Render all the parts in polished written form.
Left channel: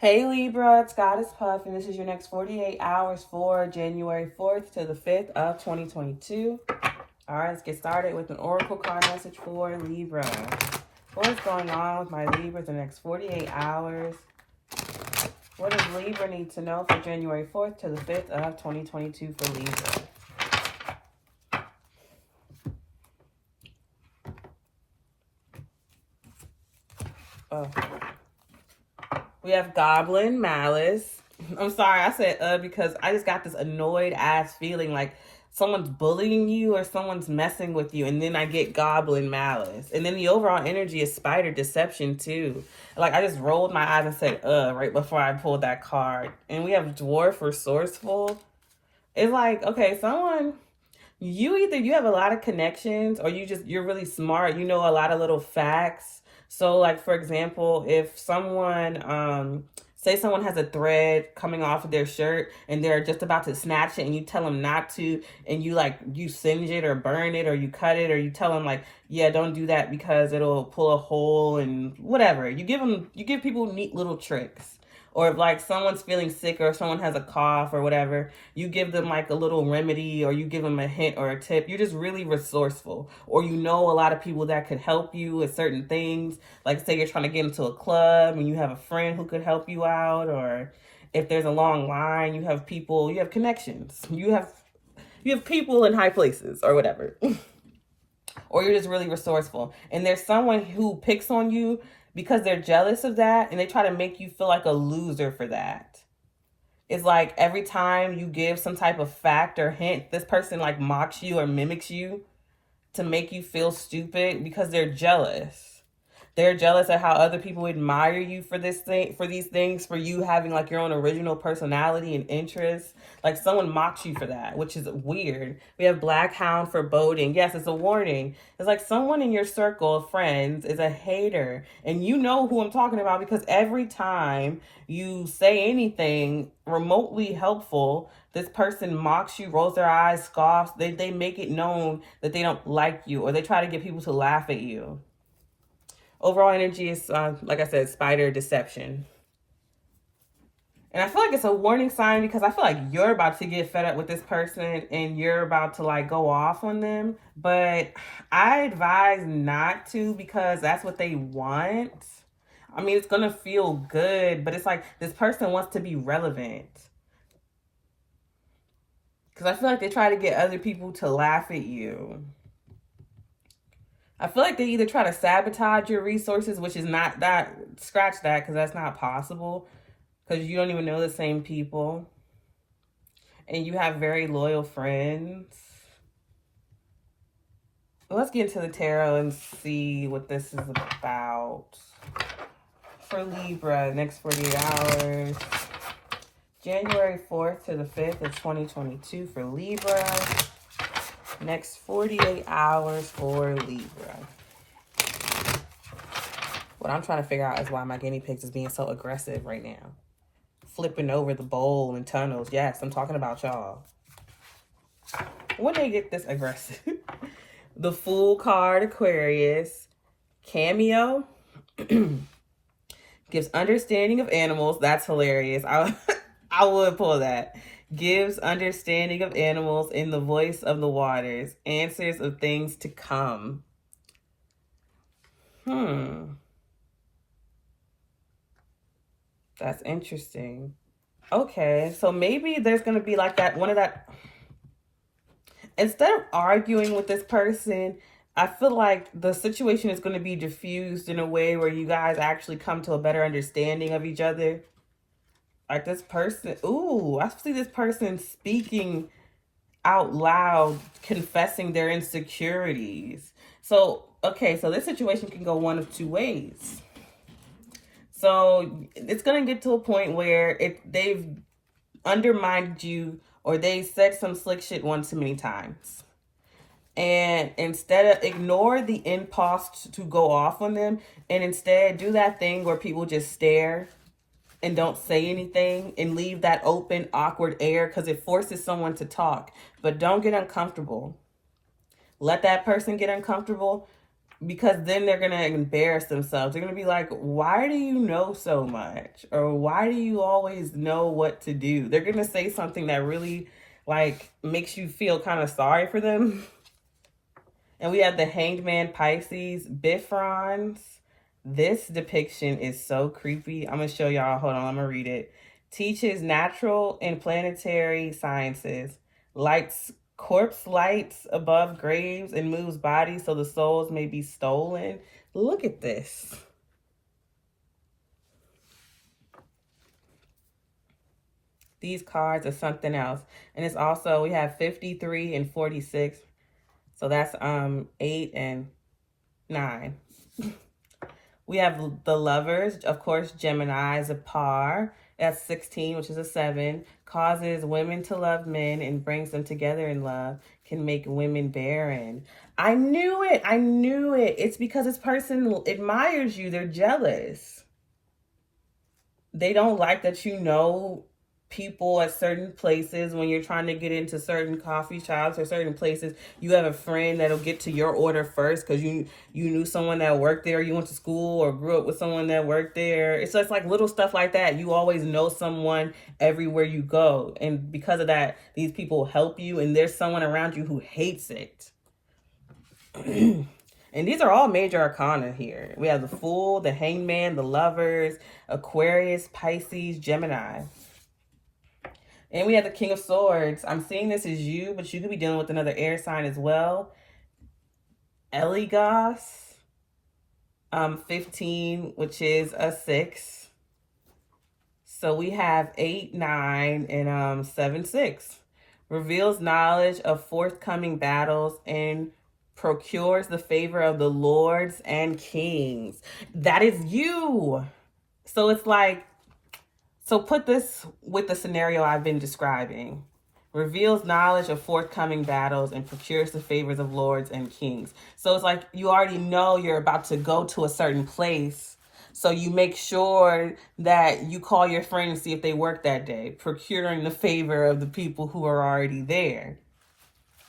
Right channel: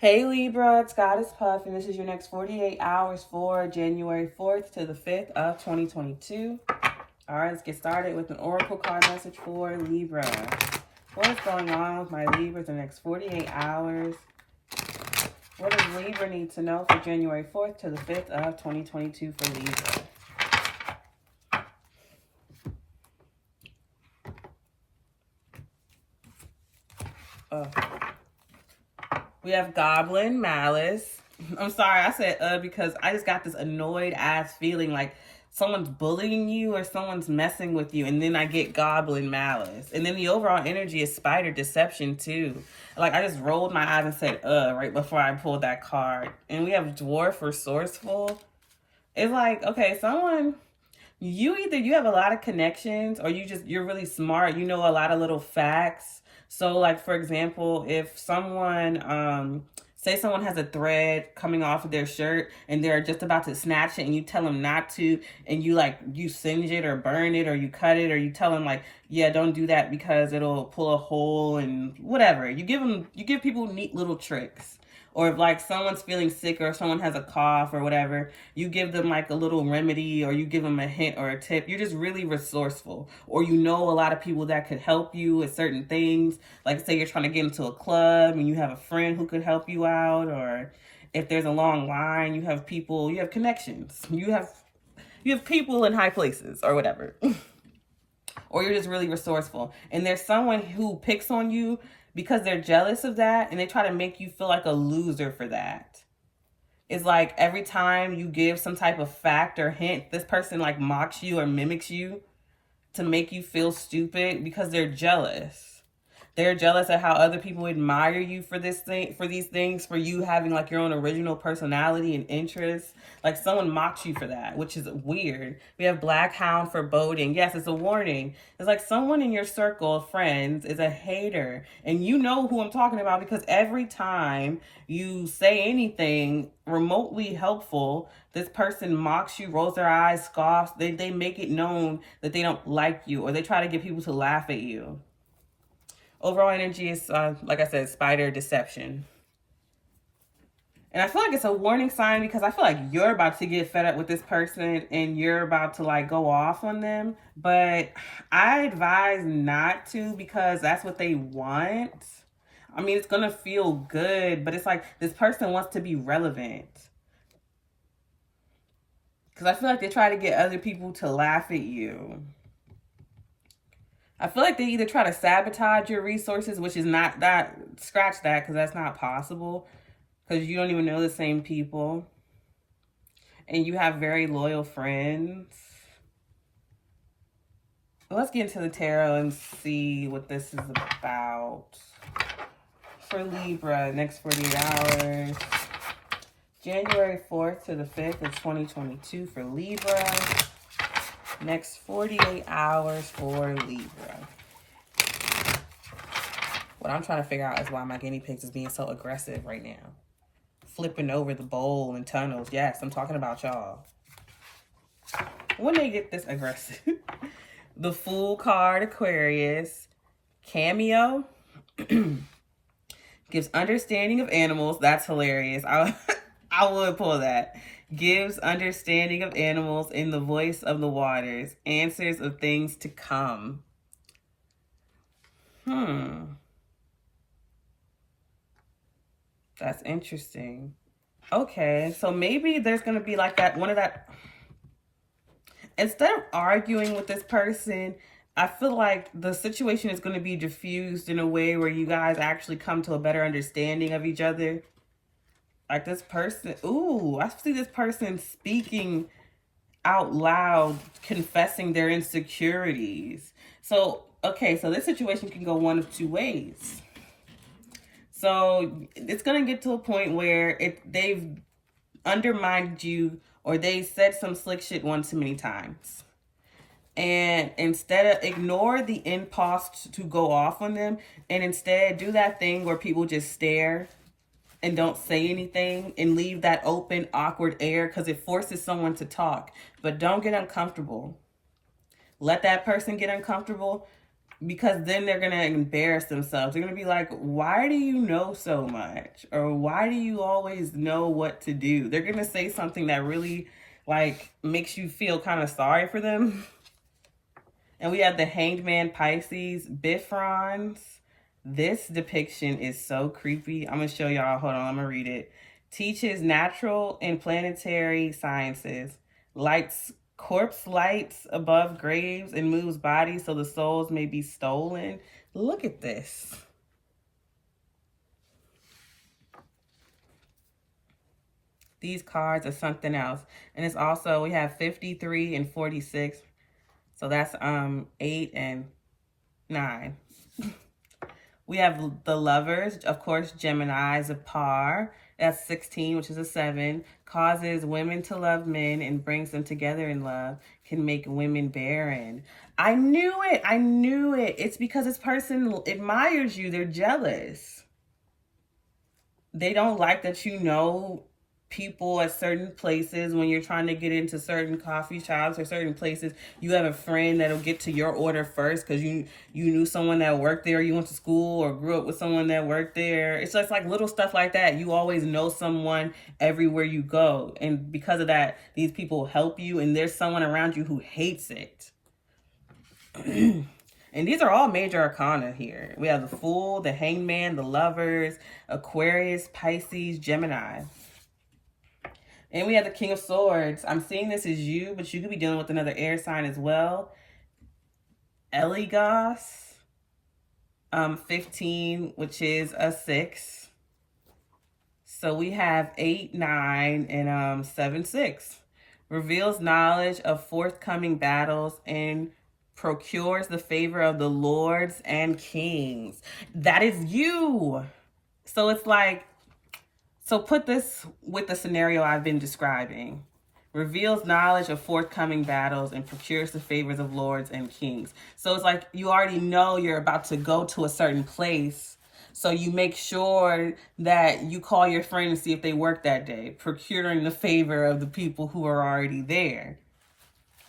Hey Libra, it's Goddess Puff, and this is your next 48 hours for January 4th to the 5th of 2022. All right, let's get started with an oracle card message for Libra. What is going on with my Libra the next 48 hours? What does Libra need to know for January 4th to the 5th of 2022 for Libra? We have Goblin Malice. I'm sorry, I said because I just got this annoyed ass feeling like someone's bullying you or someone's messing with you, and then I get Goblin Malice. And then the overall energy is Spider Deception too. Like I just rolled my eyes and said right before I pulled that card. And we have Dwarf Resourceful. It's like, okay, someone, you have a lot of connections, or you're really smart, you know a lot of little facts. So like, for example, if someone, say someone has a thread coming off of their shirt and they're just about to snatch it and you tell them not to, and you singe it or burn it or you cut it, or you tell them like, yeah, don't do that because it'll pull a hole and whatever. You give people neat little tricks. Or if like someone's feeling sick or someone has a cough or whatever, you give them like a little remedy, or you give them a hint or a tip. You're just really resourceful. Or you know a lot of people that could help you with certain things. Like say you're trying to get into a club and you have a friend who could help you out. Or if there's a long line, you have people, you have connections. You have people in high places or whatever. Or you're just really resourceful. And there's someone who picks on you because they're jealous of that, and they try to make you feel like a loser for that. It's like every time you give some type of fact or hint, this person like mocks you or mimics you to make you feel stupid because they're jealous. They're jealous at how other people admire you for these things, for you having like your own original personality and interests. Like someone mocks you for that, which is weird. We have Black Hound Foreboding. Yes, it's a warning. It's like someone in your circle of friends is a hater, and you know who I'm talking about because every time you say anything remotely helpful, this person mocks you, rolls their eyes, scoffs. They make it known that they don't like you, or they try to get people to laugh at you. Overall energy is, like I said, Spider Deception. And I feel like it's a warning sign because I feel like you're about to get fed up with this person and you're about to like go off on them. But I advise not to, because that's what they want. I mean, it's going to feel good, but it's like this person wants to be relevant. Because I feel like they try to get other people to laugh at you. I feel like they either try to sabotage your resources, which is not that, scratch that, because that's not possible. Because you don't even know the same people. And you have very loyal friends. Let's get into the tarot and see what this is about. For Libra, next 48 hours. January 4th to the 5th of 2022 for Libra. Next 48 hours for Libra. What I'm trying to figure out is why my guinea pigs is being so aggressive right now. Flipping over the bowl and tunnels. Yes, I'm talking about y'all. When they get this aggressive. The Fool card, Aquarius. Cameo. Gives understanding of animals. That's hilarious. I would pull that. Gives understanding of animals in the voice of the waters. Answers of things to come. That's interesting. Okay, so maybe there's going to be like that, instead of arguing with this person, I feel like the situation is going to be diffused in a way where you guys actually come to a better understanding of each other. Like this person, I see this person speaking out loud, confessing their insecurities. So, okay, so this situation can go one of two ways. So it's going to get to a point where they've undermined you, or they said some slick shit one too many times. And instead of ignore the impulse to go off on them, and instead do that thing where people just stare and don't say anything and leave that open, awkward air, because it forces someone to talk. But don't get uncomfortable. Let that person get uncomfortable. because then they're going to embarrass themselves. They're going to be like, why do you know so much? Or why do you always know what to do? They're going to say something that really like makes you feel kind of sorry for them. And we have the Hanged Man Pisces, Bifrons. This depiction is so creepy. I'm going to show y'all. Hold on, I'm going to read it. Teaches natural and planetary sciences. Lights corpse lights above graves and moves bodies so the souls may be stolen. Look at this. These cards are something else. And it's also, we have 53 and 46. So that's 8 and 9. We have the Lovers, of course, Gemini is a par. That's 16, which is a 7. Causes women to love men and brings them together in love. Can make women barren. I knew it. I knew it. It's because this person admires you. They're jealous. They don't like that you know people at certain places. When you're trying to get into certain coffee shops or certain places, you have a friend that'll get to your order first because you knew someone that worked there, you went to school or grew up with someone that worked there. It's just like little stuff like that. You always know someone everywhere you go, and because of that, these people help you, and there's someone around you who hates it. And these are all major arcana here. We have the Fool, the Hangman, the Lovers, Aquarius, Pisces, Gemini. And we have the King of Swords. I'm seeing this as you, but you could be dealing with another air sign as well. Eligos, 15, which is a 6. So we have 8, 9, and 7, 6. Reveals knowledge of forthcoming battles and procures the favor of the lords and kings. That is you. So it's like, so put this with the scenario I've been describing. Reveals knowledge of forthcoming battles and procures the favors of lords and kings. So it's like you already know you're about to go to a certain place. So you make sure that you call your friend and see if they work that day, procuring the favor of the people who are already there.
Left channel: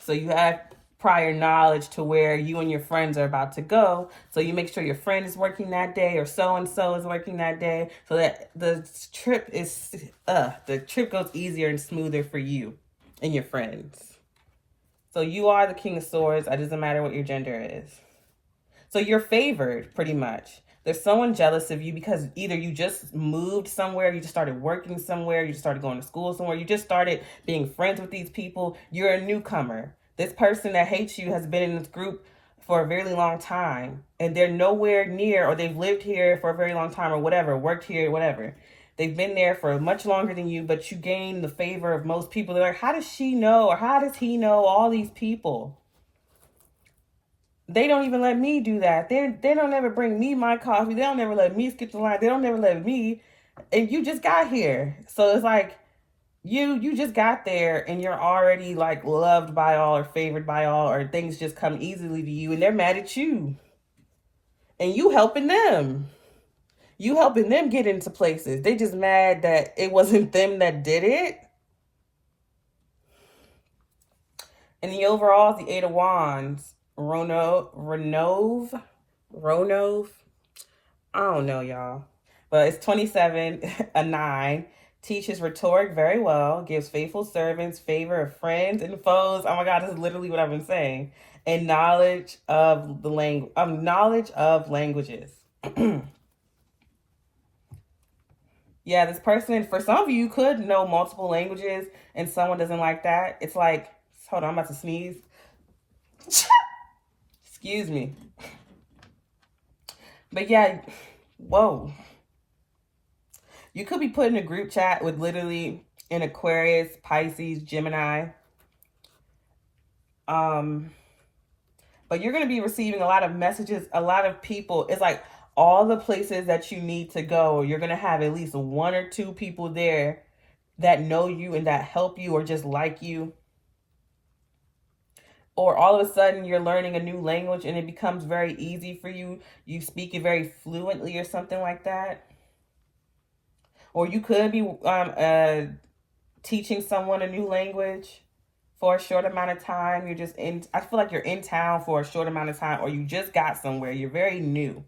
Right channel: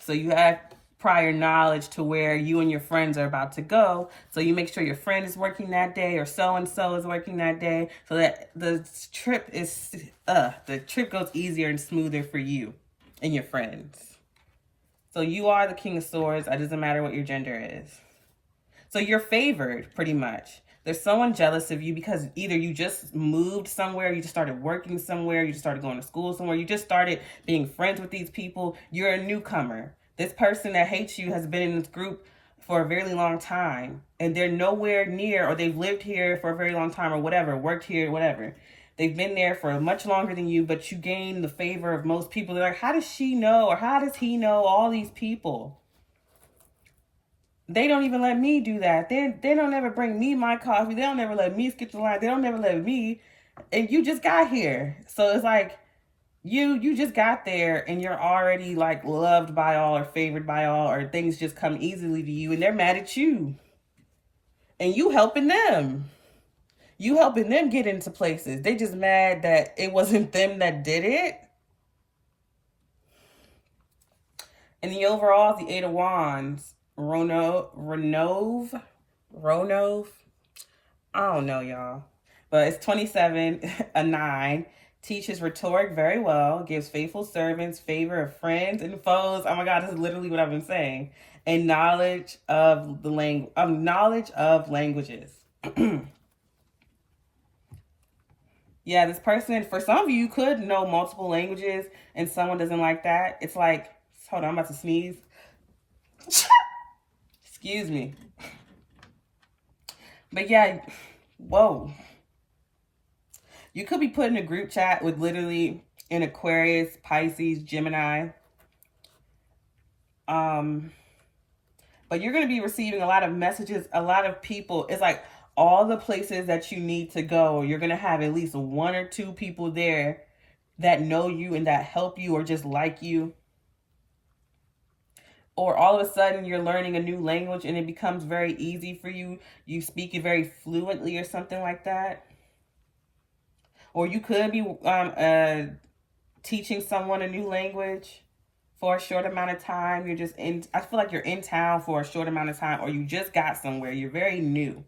So you have prior knowledge to where you and your friends are about to go. So you make sure your friend is working that day or so-and-so is working that day so that the trip goes easier and smoother for you and your friends. So you are the King of Swords. It doesn't matter what your gender is. So you're favored pretty much. There's someone jealous of you because either you just moved somewhere, you just started working somewhere, you just started going to school somewhere, you just started being friends with these people. You're a newcomer. This person that hates you has been in this group for a very long time, and they're nowhere near, or they've lived here for a very long time or whatever, worked here, whatever. They've been there for much longer than you, but you gain the favor of most people. They're like, how does she know, or how does he know all these people? They don't even let me do that. They don't ever bring me my coffee. They don't ever let me skip the line. They don't ever let me, and you just got here. So it's like, you just got there and you're already like loved by all or favored by all, or things just come easily to you, and they're mad at you. And you helping them. You helping them get into places. They just mad that it wasn't them that did it. And the overall, the 8 of Wands, Ronov. I don't know, y'all. But it's 27, a 9. Teaches rhetoric very well, gives faithful servants, favor of friends and foes. Oh my God, this is literally what I've been saying. And knowledge of the knowledge of languages. Yeah, this person, for some of you, could know multiple languages, and someone doesn't like that. It's like, hold on, I'm about to sneeze. Excuse me. But yeah, whoa. You could be put in a group chat with literally an Aquarius, Pisces, Gemini. But you're going to be receiving a lot of messages, a lot of people. It's like all the places that you need to go, you're going to have at least 1 or 2 people there that know you and that help you or just like you. Or all of a sudden you're learning a new language and it becomes very easy for you. You speak it very fluently or something like that. Or you could be teaching someone a new language for a short amount of time. You're just in, I feel like you're in town for a short amount of time, or you just got somewhere. You're very new.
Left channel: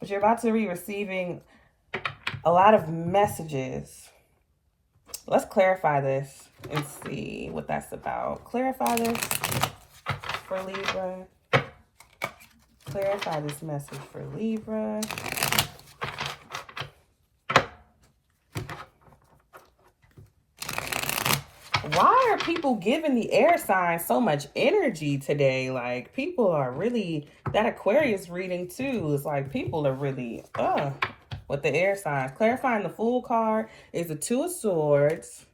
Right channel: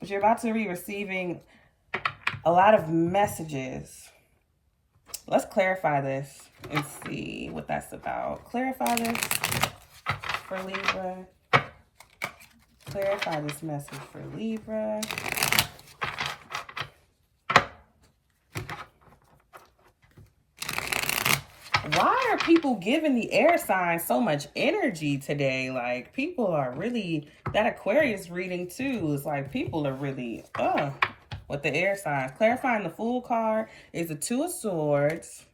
But you're about to be receiving a lot of messages. Let's clarify this and see what that's about. Clarify this for Libra. Clarify this message for Libra. Why are people giving the air sign so much energy today? Like, people are really, that Aquarius reading too is like, people are really, with the air signs. Clarifying the Fool card is the Two of Swords.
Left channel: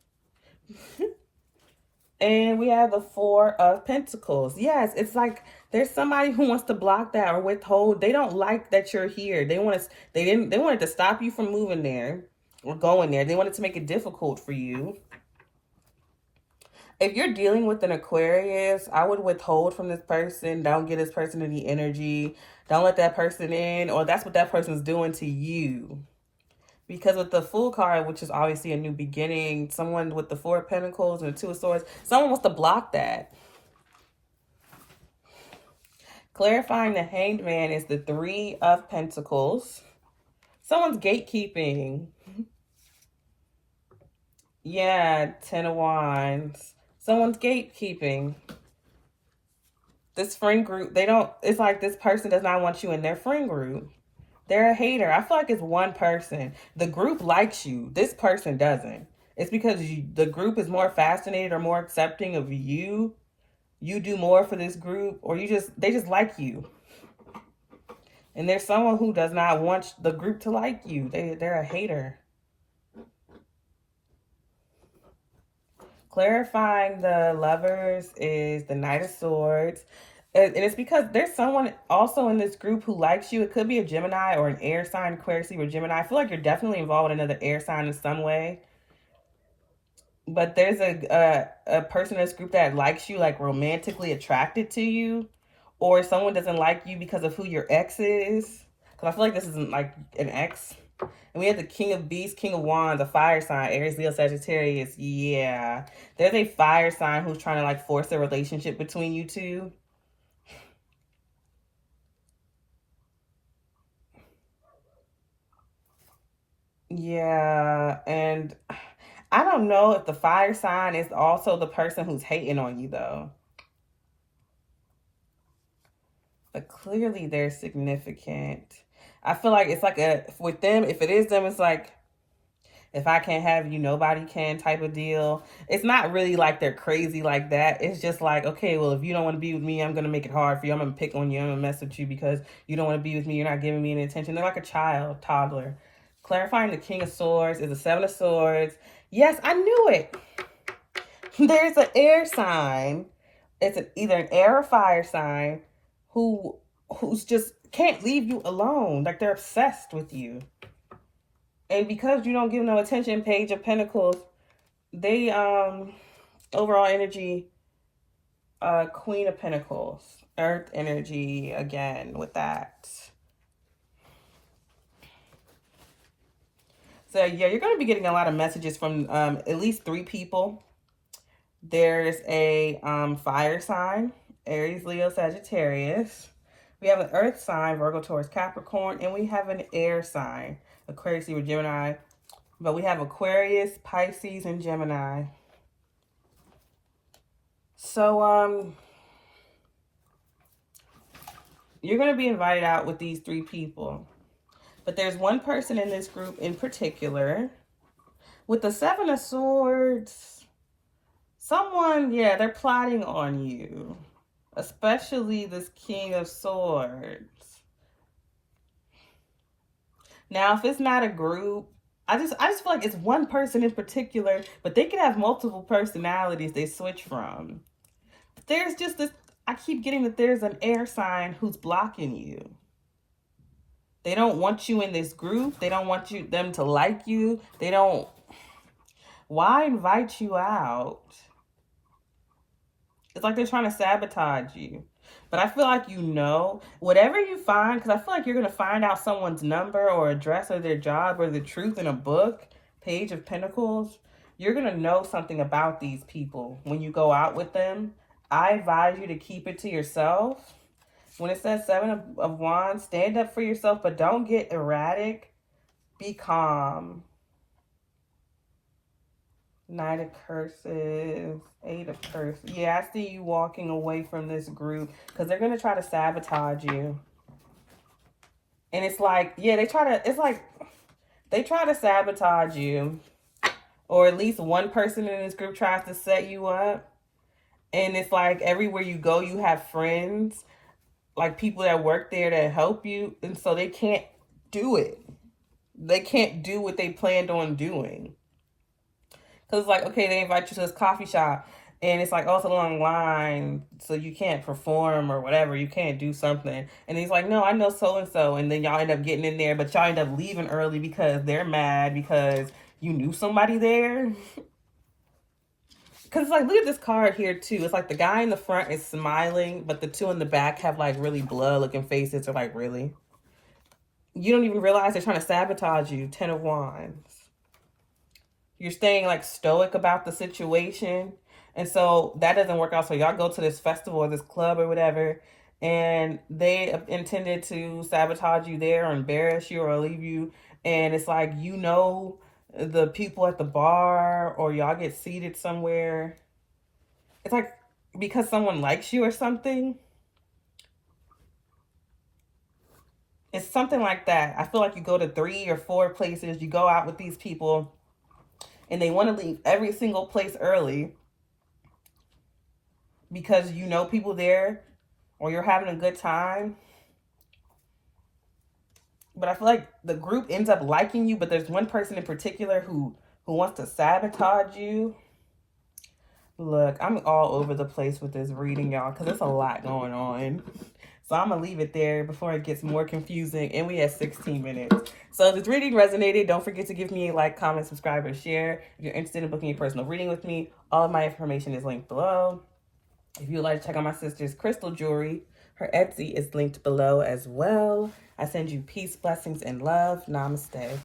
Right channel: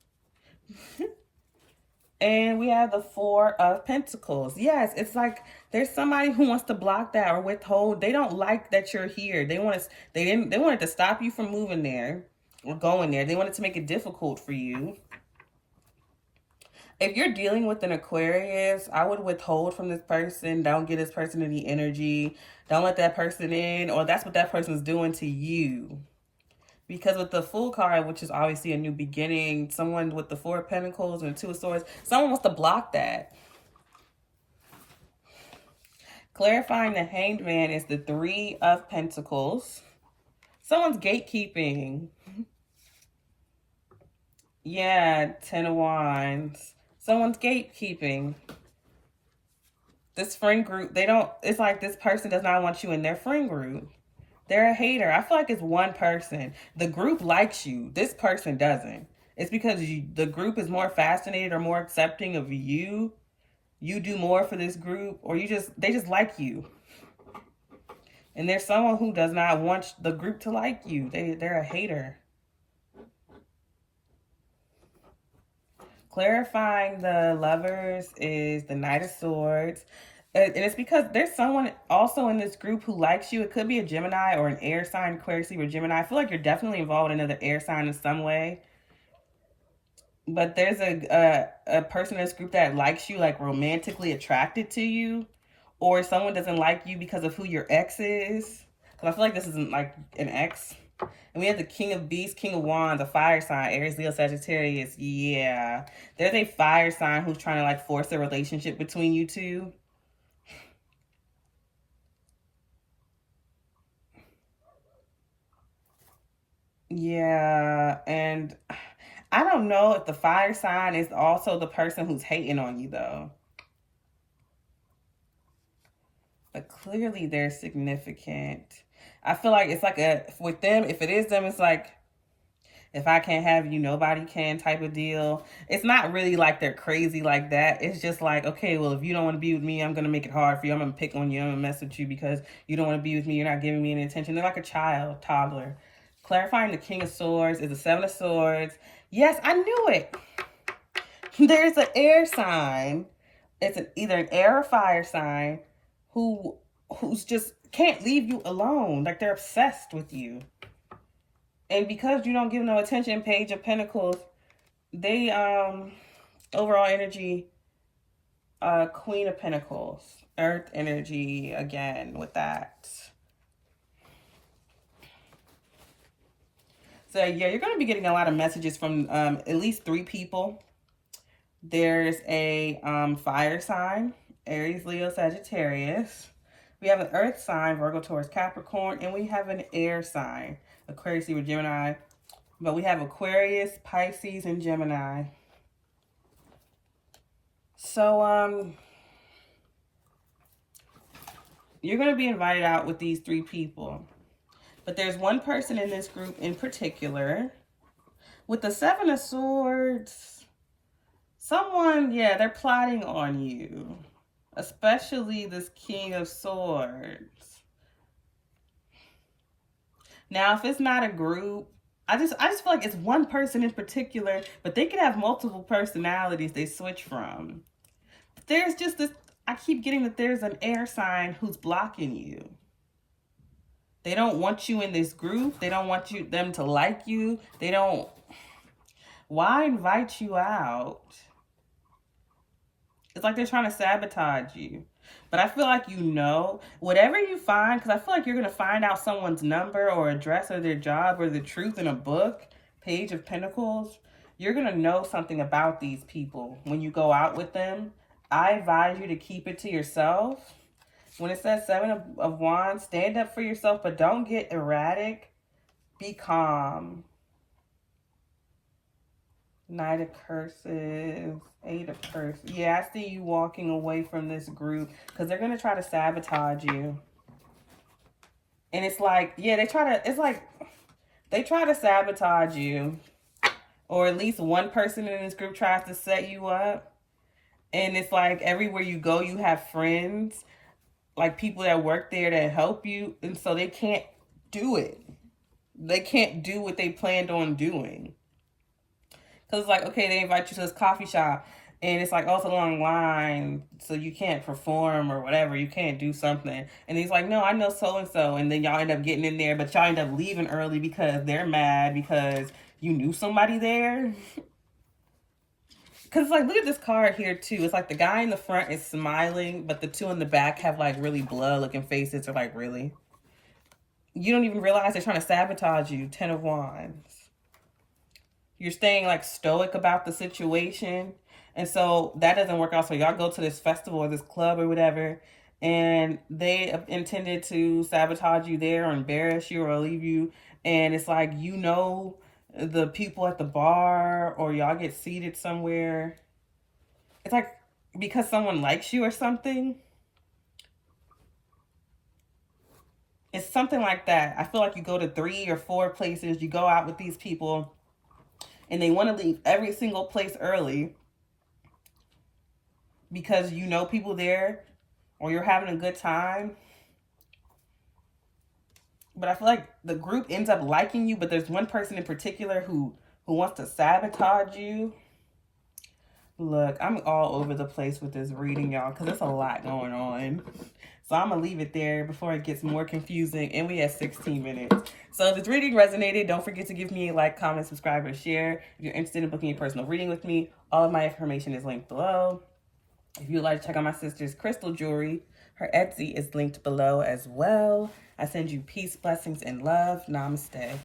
And we have the Four of Pentacles. Yes, it's like there's somebody who wants to block that or withhold. They don't like that you're here. They wanted to stop you from moving there or going there. They wanted to make it difficult for you. If you're dealing with an Aquarius, I would withhold from this person. Don't give this person any energy. Don't let that person in, or that's what that person's doing to you. Because with the Fool card, which is obviously a new beginning, someone with the Four of Pentacles and Two of Swords, someone wants to block that. Clarifying the Hanged Man is the Three of Pentacles. Someone's gatekeeping. Yeah, Ten of Wands. Someone's gatekeeping. This friend group, it's like this person does not want you in their friend group. They're a hater. I feel like it's one person. The group likes you. This person doesn't. It's because the group is more fascinated or more accepting of you. You do more for this group, or they just like you. And there's someone who does not want the group to like you. They're a hater. Clarifying the Lovers is the Knight of Swords. And it's because there's someone also in this group who likes you. It could be a Gemini or an air sign, Aquarius, Libra, Gemini. I feel like you're definitely involved in another air sign in some way. But there's a person in this group that likes you, like romantically attracted to you. Or someone doesn't like you because of who your ex is. Because I feel like this isn't like an ex. And we have the King of Beasts, King of Wands, a fire sign, Aries, Leo, Sagittarius. Yeah. There's a fire sign who's trying to like force a relationship between you two. Yeah, and I don't know if the fire sign is also the person who's hating on you, though. But clearly they're significant. I feel like it's like with them, if it is them, it's like, if I can't have you, nobody can type of deal. It's not really like they're crazy like that. It's just like, okay, well, if you don't want to be with me, I'm going to make it hard for you. I'm going to pick on you. I'm going to mess with you because you don't want to be with me. You're not giving me any attention. They're like a child, toddler. Clarifying the King of Swords is the Seven of Swords. Yes, I knew it. There's an air sign. It's either an air or fire sign who's just can't leave you alone. Like they're obsessed with you. And because you don't give no attention, Page of Pentacles, they overall energy, Queen of Pentacles, Earth energy again with that. So, yeah, you're going to be getting a lot of messages from at least 3 people. There's a fire sign, Aries, Leo, Sagittarius. We have an earth sign, Virgo, Taurus, Capricorn. And we have an air sign, Aquarius, Libra, Gemini. But we have Aquarius, Pisces, and Gemini. So, you're going to be invited out with these 3 people. But there's one person in this group in particular with the Seven of Swords. Someone, yeah, they're plotting on you, especially this King of Swords. Now, if it's not a group, I just feel like it's one person in particular, but they could have multiple personalities they switch from. But there's just this, I keep getting that there's an air sign who's blocking you. They don't want you in this group. They don't want them to like you. They don't. Why invite you out? It's like they're trying to sabotage you. But I feel like whatever you find, because I feel like you're going to find out someone's number or address or their job or the truth in a book, Page of Pentacles. you're going to know something about these people when you go out with them. I advise you to keep it to yourself. When it says 7 of Wands, stand up for yourself, but don't get erratic. Be calm. Knight of Curses, 8 of Curses. Yeah, I see you walking away from this group because they're going to try to sabotage you. And it's like, yeah, they try to sabotage you. Or at least one person in this group tries to set you up. And it's like everywhere you go, you have friends, like people that work there that help you. And so they can't do it. They can't do what they planned on doing. Because it's like, okay, they invite you to this coffee shop. And it's like, oh, it's a long line. So you can't perform or whatever. You can't do something. And he's like, no, I know so-and-so. And then y'all end up getting in there. But y'all end up leaving early because they're mad because you knew somebody there. Because it's like, look at this card here, too. It's like the guy in the front is smiling, but the two in the back have, like, really blood-looking faces. They're like, really? You don't even realize they're trying to sabotage you. 10 of Wands. You're staying, like, stoic about the situation. And so that doesn't work out. So y'all go to this festival or this club or whatever, and they intended to sabotage you there or embarrass you or leave you. And it's like, you know, the people at the bar, or y'all get seated somewhere. It's like because someone likes you or something. It's something like that. I feel like you go to 3 or 4 places. You go out with these people and they want to leave every single place early because you know people there or you're having a good time. But I feel like the group ends up liking you, but there's one person in particular who wants to sabotage you. Look, I'm all over the place with this reading, y'all, because there's a lot going on. So I'm going to leave it there before it gets more confusing. And we have 16 minutes. So if this reading resonated, don't forget to give me a like, comment, subscribe, and share. If you're interested in booking a personal reading with me, all of my information is linked below. If you'd like to check out my sister's crystal jewelry, her Etsy is linked below as well. I send you peace, blessings, and love. Namaste.